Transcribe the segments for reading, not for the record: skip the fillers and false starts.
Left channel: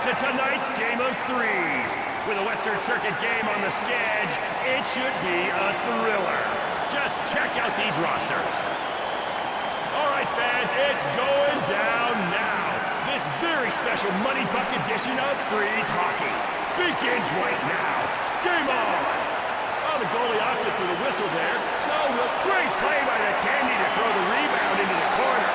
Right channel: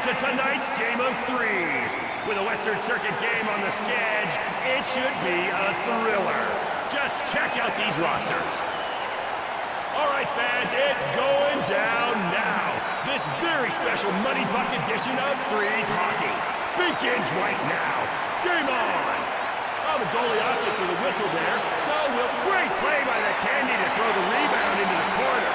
into tonight's game of threes. With a Western Circuit game on the schedule, it should be a thriller. Just check out these rosters. All right, fans, it's going down now. This very special Money Puck edition of Threes Hockey begins right now. Game on! Oh, the goalie opted for the whistle there, so great play by the Tandy to throw the rebound into the corner.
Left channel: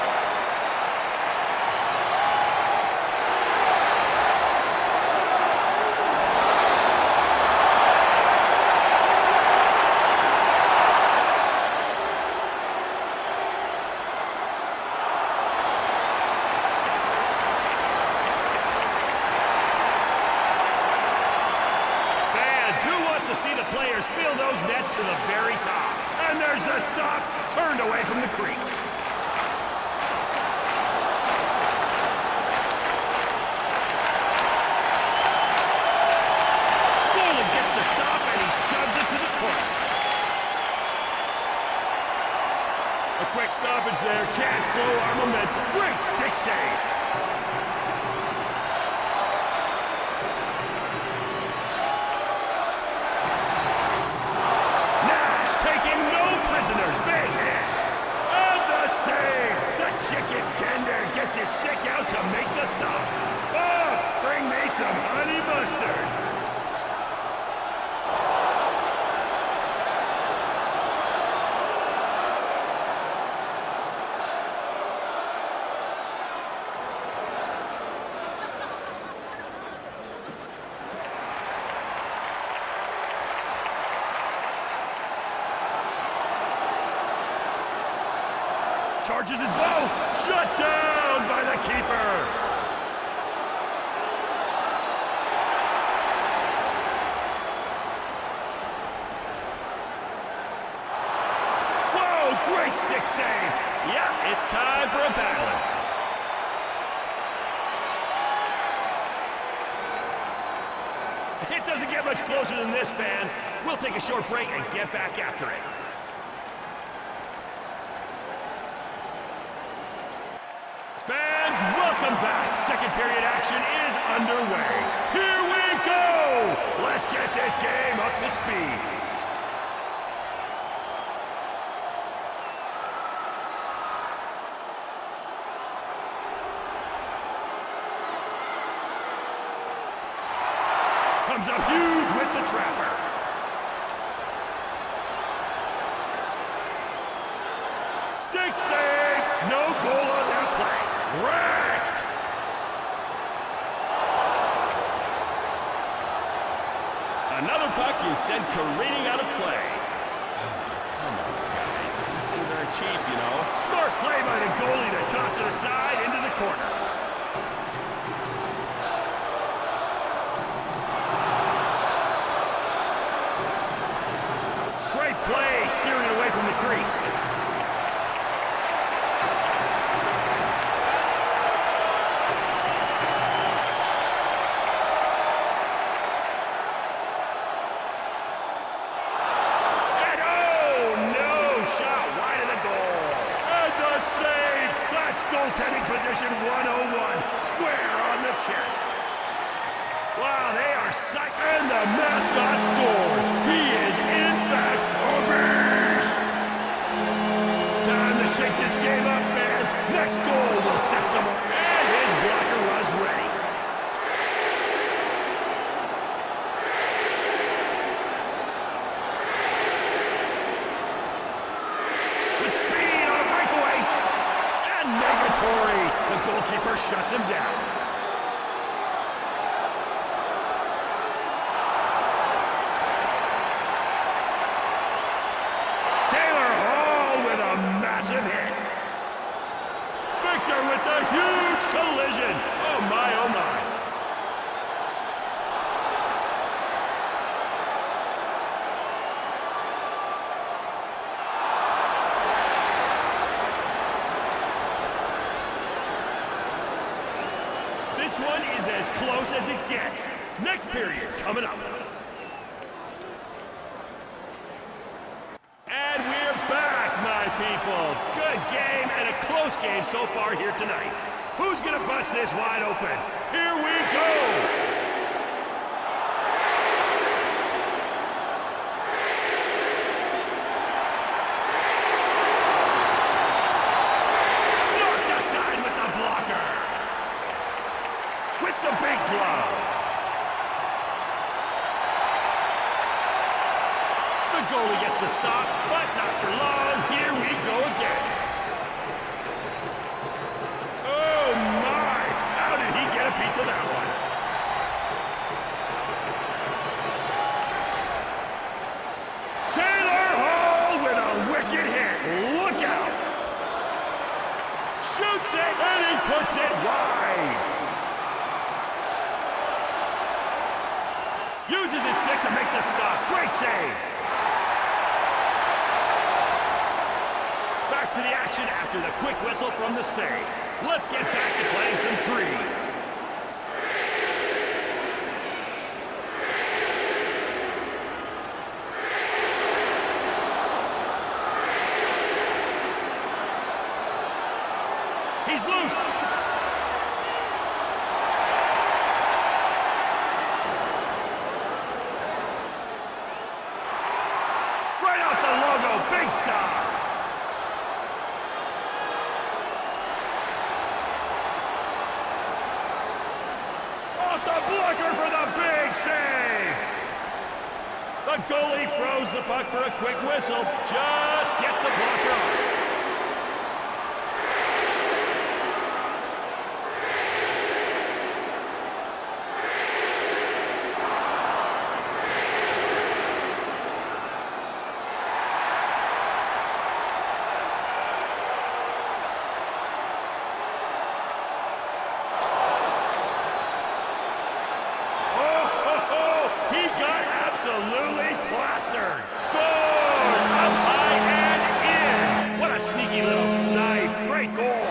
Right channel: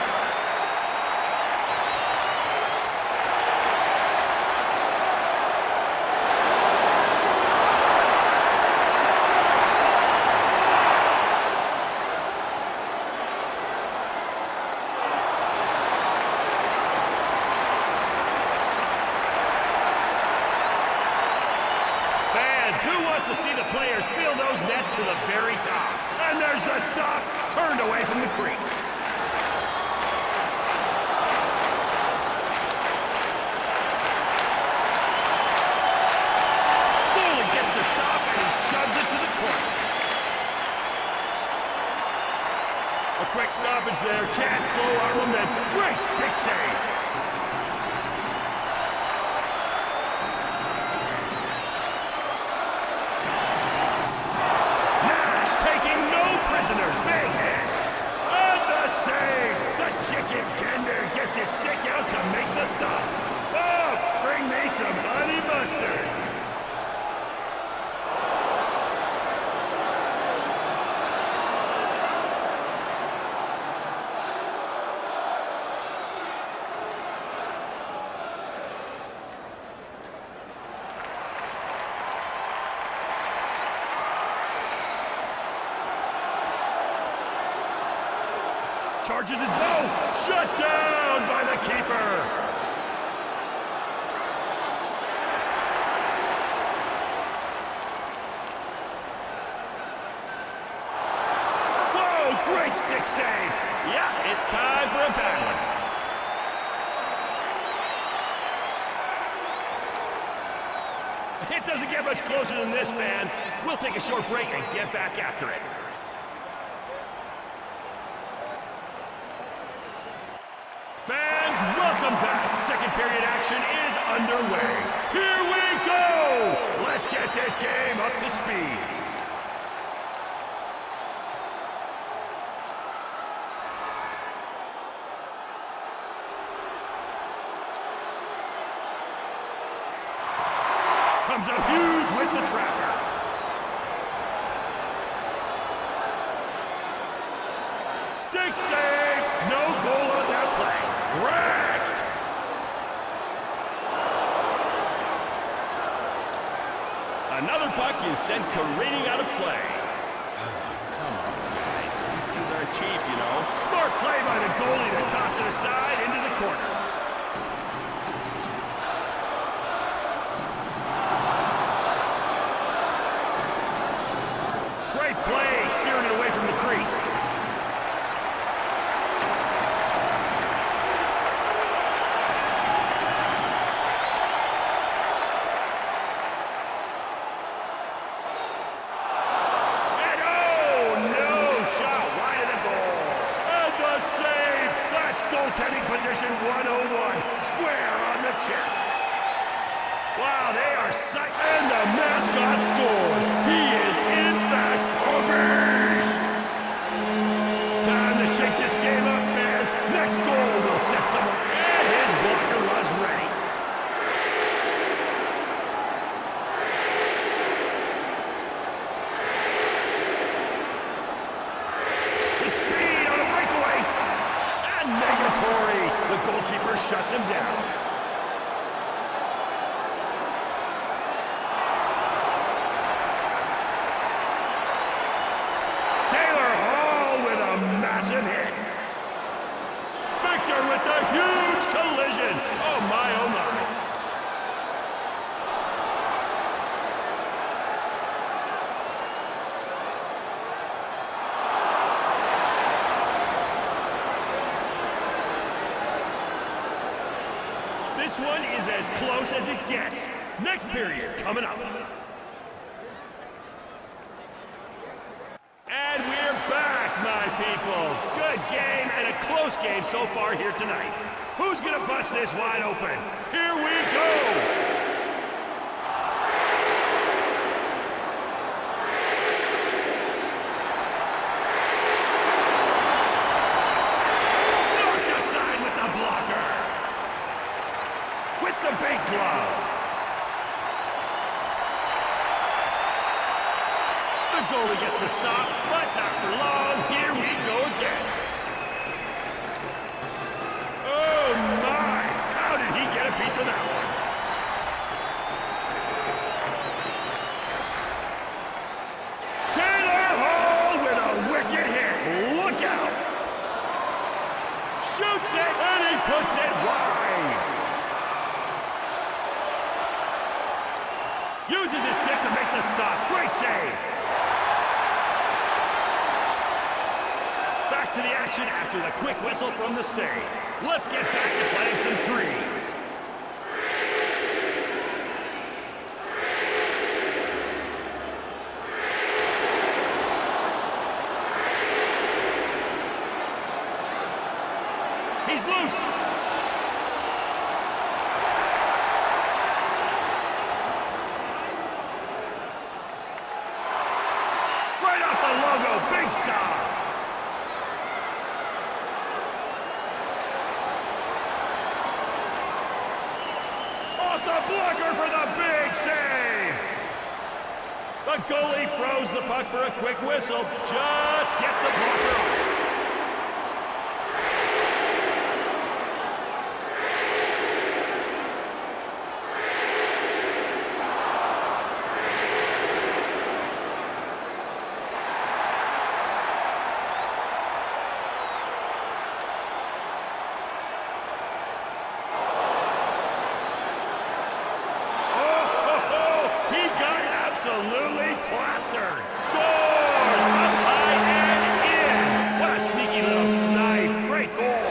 Who wants to see the players fill those nets to the very top? And there's the stop, turned away from the crease. Goalie gets the stop and he shoves it to the corner. A quick stoppage there, can't slow our momentum. Great stick save. Taking no prisoners, big hit. And the save. The chicken tender gets his stick out to make the stop. Oh, bring me some honey mustard. Charges his bow, shut down by the keeper. Whoa, great stick save. Yeah, it's time for a battling. It doesn't get much closer than this, fans. We'll take a short break and get back after it. Fans, welcome back. Second period action is underway. Here we go! Let's get this game up to speed. Comes up huge with the trapper. Stick save! No goal on that play. Wrecked! Another puck is sent careening out of play. Oh, come on, guys. These things aren't cheap, you know. Smart play by the goalie to toss it aside into the corner. Great play, steering it away from the crease. Save! That's goaltending position 101. Square on the chest. Wow, they are psyched. And the mascot scores. He is, in fact, a beast. Time to shake this game up, fans. Next goal will set someone. And his blocker was ready. With speed on a breakaway. Negatory. The goalkeeper shuts him down. Taylor Hall with a massive hit. Victor with the huge collision. Oh my, oh my. This one is as close as it gets. Next period coming up. And we're back, my people. Good game and a close game so far here tonight. Who's gonna bust this wide open? Here we go! Aside with the blocker. With the big glove. The goalie gets the stop, but not for long. Here we go again. Oh my! How did he get a piece of that one? Taylor Hall with a wicked hit. Look out! Shoots it, and he puts it wide. Uses his stick to make the stop. Great save. Back to the action after the quick whistle from the save. Let's get back to playing some threes. He's loose. Right out the logo, big stop. Off the blocker for the big save. The goalie throws the puck for a quick whistle. Just gets the blocker on it. Absolutely plastered. Scores! Up high and in. What a sneaky little snipe. Great goal.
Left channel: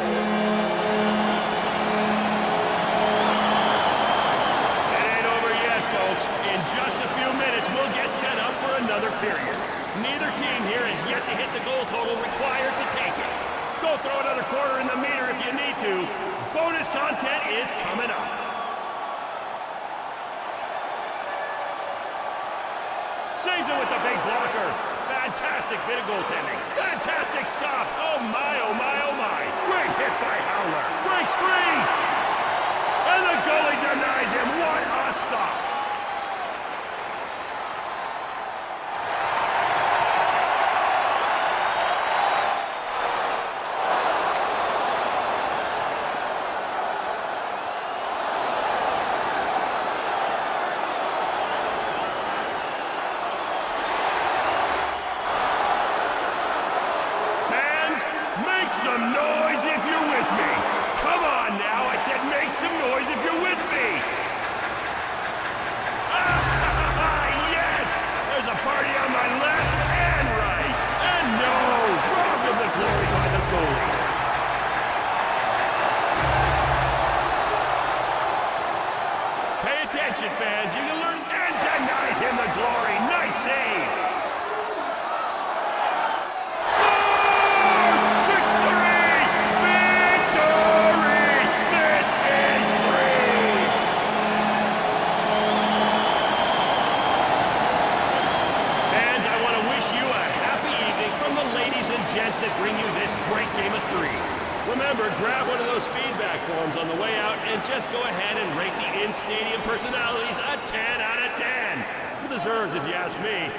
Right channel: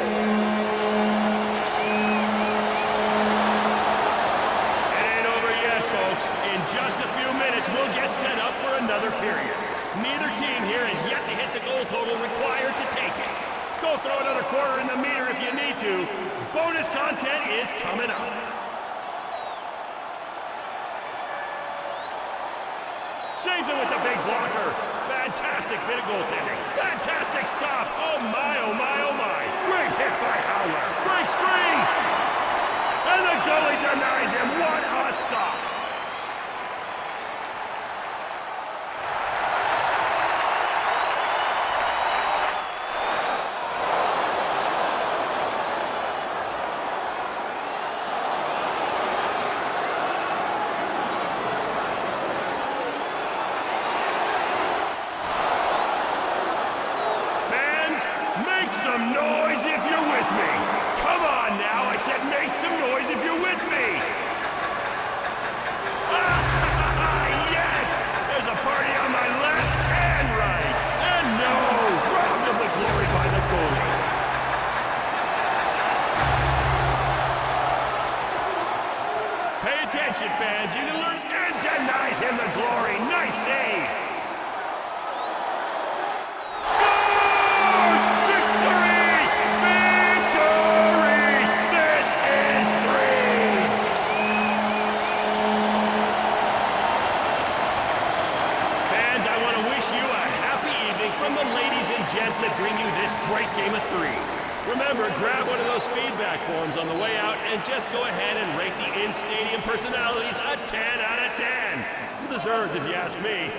It ain't over yet, folks. In just a few minutes, we'll get set up for another period. Neither team here has yet to hit the goal total required to take it. Go throw another quarter in the meter if you need to. Bonus content is coming up. Saves it with the big blocker. Fantastic bit of goaltending. Fantastic stop. Oh my, oh my, oh my. Great hit by Howler. Breaks free. And the goalie denies him. What a stop. Make some noise if you're with me. Come on now, I said make some noise if you're with me. Yes! There's a party on my left and right. And no, robbed of the glory by the goalie. Pay attention, fans. You can learn and denies him the glory. Nice save. From the ladies and gents that bring you this great game of threes. Remember, grab one of those feedback forms on the way out and just go ahead and rate the in-stadium personalities a 10 out of 10. Deserved if you ask me.